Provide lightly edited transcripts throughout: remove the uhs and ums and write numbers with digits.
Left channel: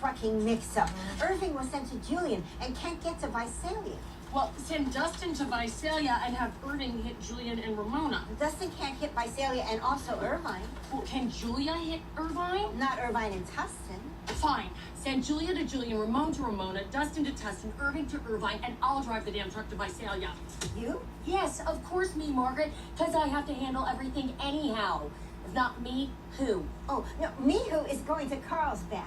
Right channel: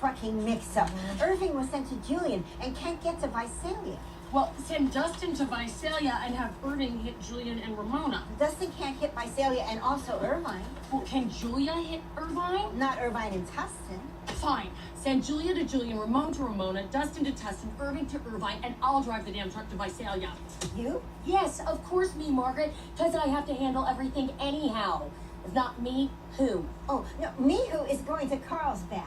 trucking mix-up. Irving was sent to Julian and can't get to Visalia. Well, send Dustin to Visalia and have Irving hit Julian and Ramona. Dustin can't hit Visalia and also Irvine. Well, can Julia hit Irvine? Not Irvine and Tustin. Fine. Send Julia to Julian, Ramona to Ramona, Dustin to Tustin, Irving to Irvine, and I'll drive the damn truck to Visalia. You? Yes, of course me, Margaret, because I have to handle everything anyhow. If not me, who? Oh, no, me who is going to Carlsbad.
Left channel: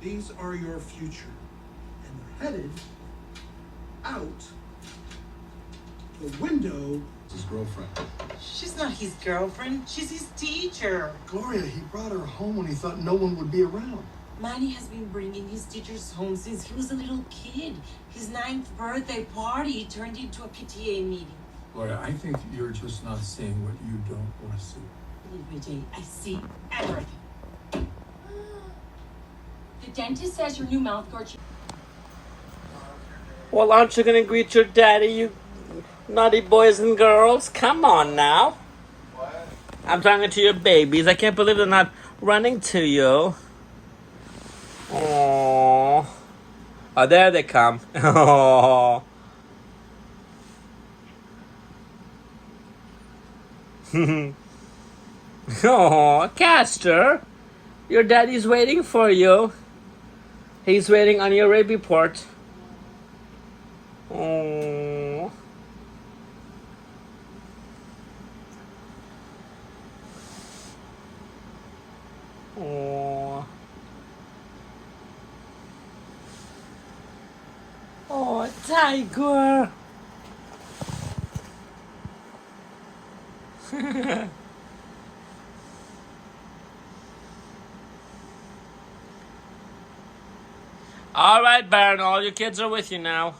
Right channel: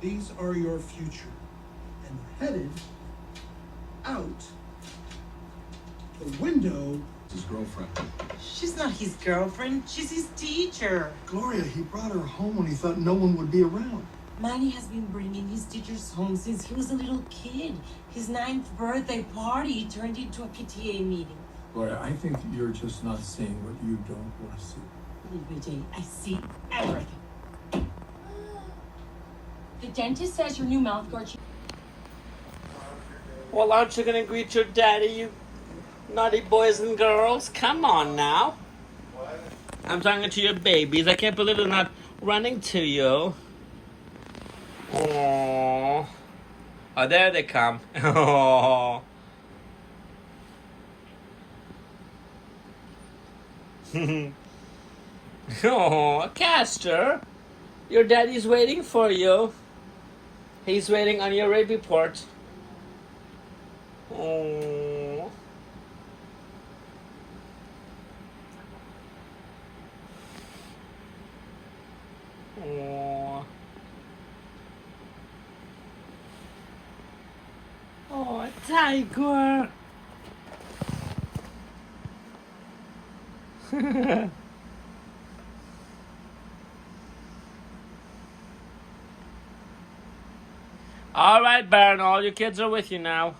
These are your future, and headed out the window. His girlfriend. She's not his girlfriend. She's his teacher. Gloria, he brought her home when he thought no one would be around. Manny has been bringing his teachers home since he was a little kid. His 9th birthday party turned into a PTA meeting. Gloria, I think you're just not seeing what you don't want to see. Vijay, I see everything. The dentist says your new mouth guard. Well, aren't you gonna greet your daddy, you naughty boys and girls? Come on now. What? I'm talking to your babies. I can't believe they're not running to you. Aww. Oh, there they come. Aww. Oh, Castor, your daddy's waiting for you. He's waiting on your rape report. Oh. Oh. Oh, tiger. All right, Baron, all your kids are with you now.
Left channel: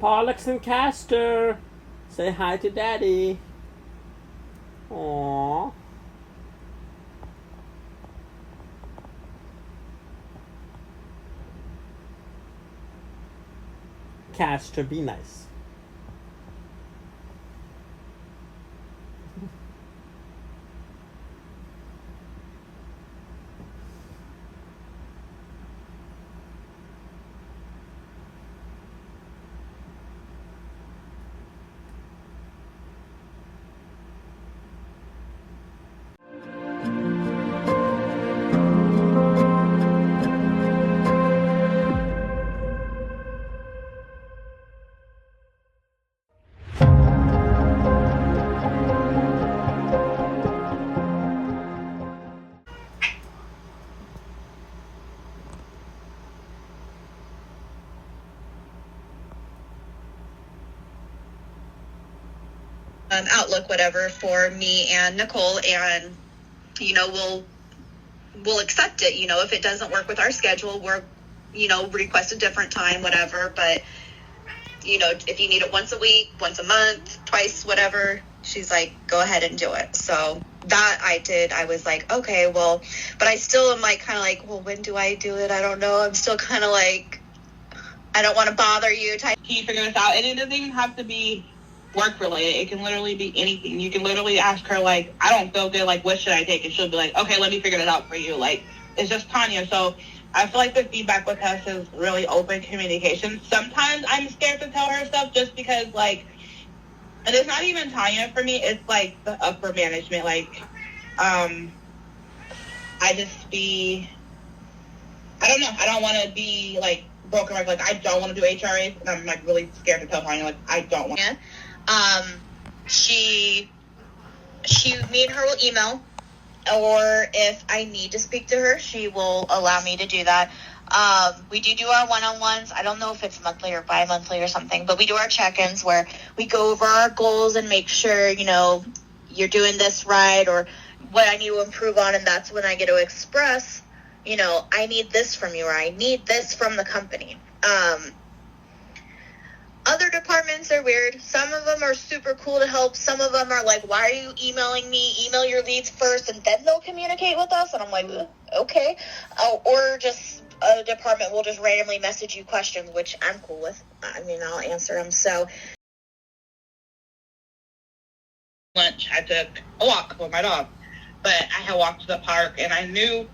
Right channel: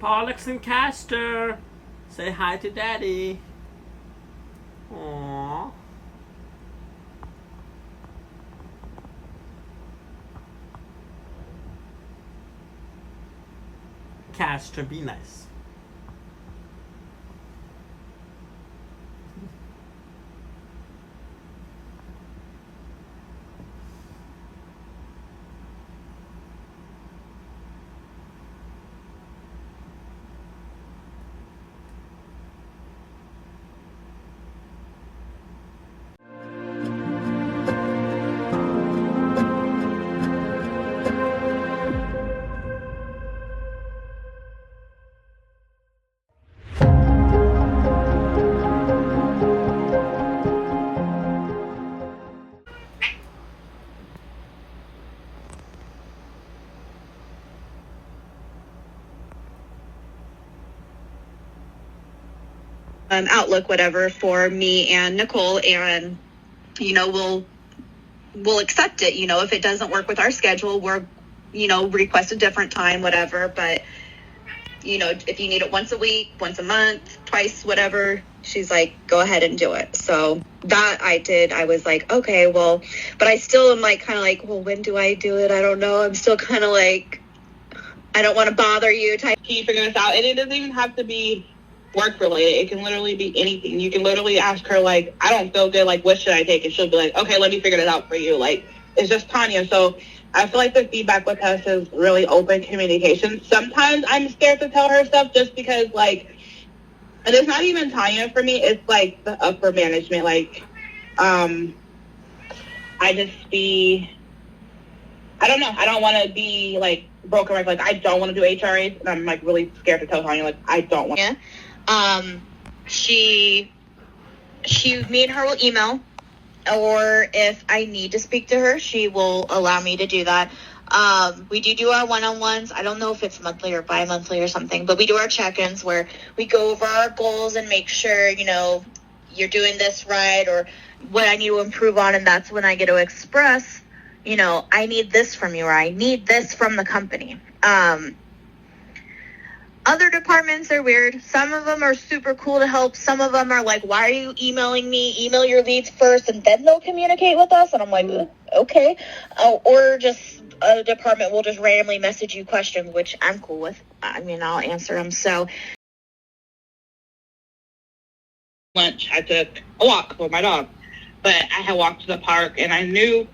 Pollux and Castor, say hi to Daddy. Aww. Castor, be nice. Outlook, whatever, for me and Nicole, and we'll accept it. If it doesn't work with our schedule, we're request a different time, whatever. But if you need it once a week, once a month, twice, whatever, she's like, go ahead and do it. So that I did. I was like, okay, well, but I still am like kind of like, well, when do I do it? I don't know. I'm still kind of like, I don't want to bother you type. Can you figure this out? And it doesn't even have to be work related. It can literally be anything. You can literally ask her, like, I don't feel good, like, what should I take? And she'll be like, okay, let me figure it out for you. Like, it's just Tanya. So I feel like the feedback with us is really open communication. Sometimes I'm scared to tell her stuff just because, like, and it's not even Tanya for me, it's like the upper management. Like, I just be I don't know. I don't want to be like broken record. Like I don't want to do HRAs, and I'm like really scared to tell Tanya like I don't want. Yeah. Me and her will email, or if I need to speak to her, she will allow me to do that. We do our one-on-ones. I don't know if it's monthly or bi-monthly or something, but we do our check-ins where we go over our goals and make sure, you know, you're doing this right or what I need to improve on. And that's when I get to express, you know, I need this from you or I need this from the company. Other departments are weird. Some of them are super cool to help. Some of them are like, why are you emailing me? Email your leads first and then they'll communicate with us. And I'm like, okay. Or just a department will just randomly message you questions, which I'm cool with. I mean, I'll answer them. So Lunch, I took a walk with my dog, but I had walked to the park and I knew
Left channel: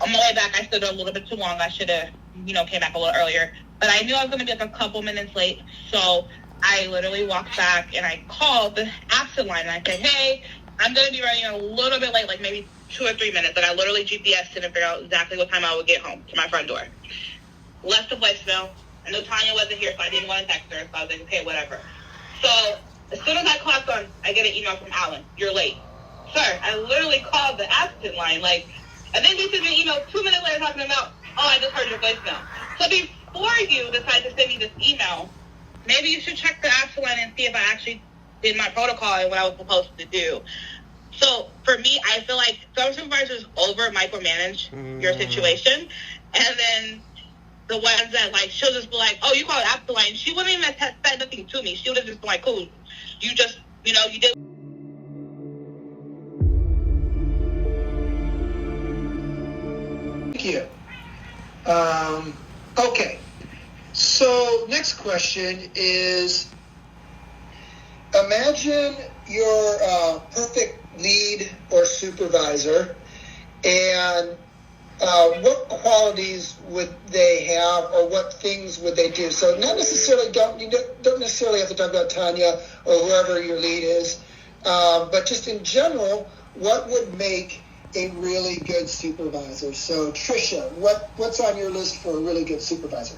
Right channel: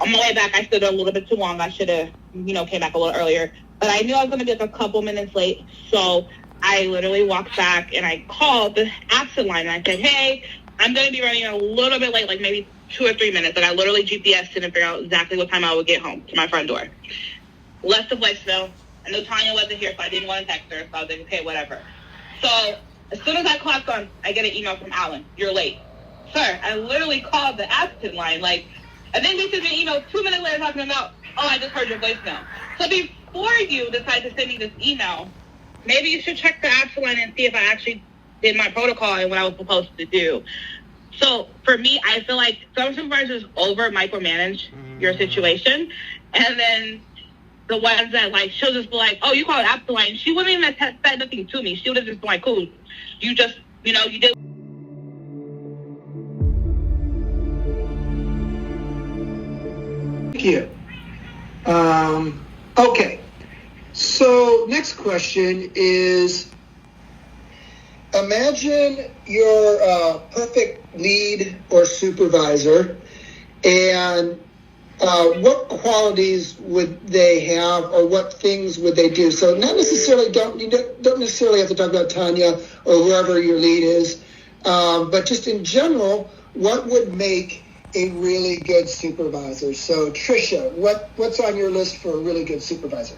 on my way back I stood a little bit too long. I should have, you know, came back a little earlier. But I knew I was going to be like a couple minutes late, so I literally walked back and I called the absent line and I said, hey, I'm going to be running a little bit late, like maybe 2 or 3 minutes. And I literally GPSed to figure out exactly what time I would get home to my front door. Left a voicemail. I know Tanya wasn't here, so I didn't want to text her, so I was like, okay, whatever. So as soon as I clocked on, I get an email from Alan, you're late. Sir, I literally called the absent line, like, and then they sent me an email 2 minutes later talking about, oh, I just heard your voicemail. So before you decide to send me this email, maybe you should check the absent line and see if I actually did my protocol and what I was supposed to do. So for me, I feel like some supervisors over micromanage your situation, and then the ones that like she'll just be like, oh, you called absent line. She wouldn't even have said nothing to me. She would have just been like, cool, you just, you know, you did. Thank you. Okay, so next question is, imagine you're a perfect lead or supervisor, and what qualities would they have, or what things would they do? So not necessarily, you don't necessarily have to talk about Tanya or whoever your lead is, but just in general, what would make a really good supervisor? So Trisha, what's on your list for a really good supervisor?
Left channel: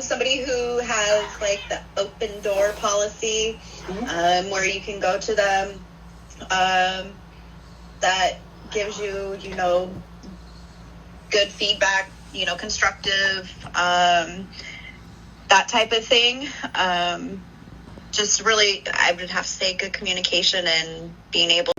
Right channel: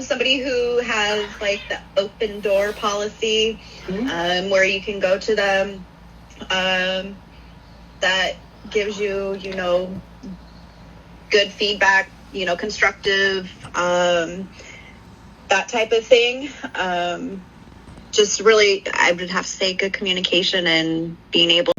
Somebody who has like the open door policy, where you can go to them, that gives you, you know, good feedback, you know, constructive, that type of thing. Just really, I would have to say good communication and being able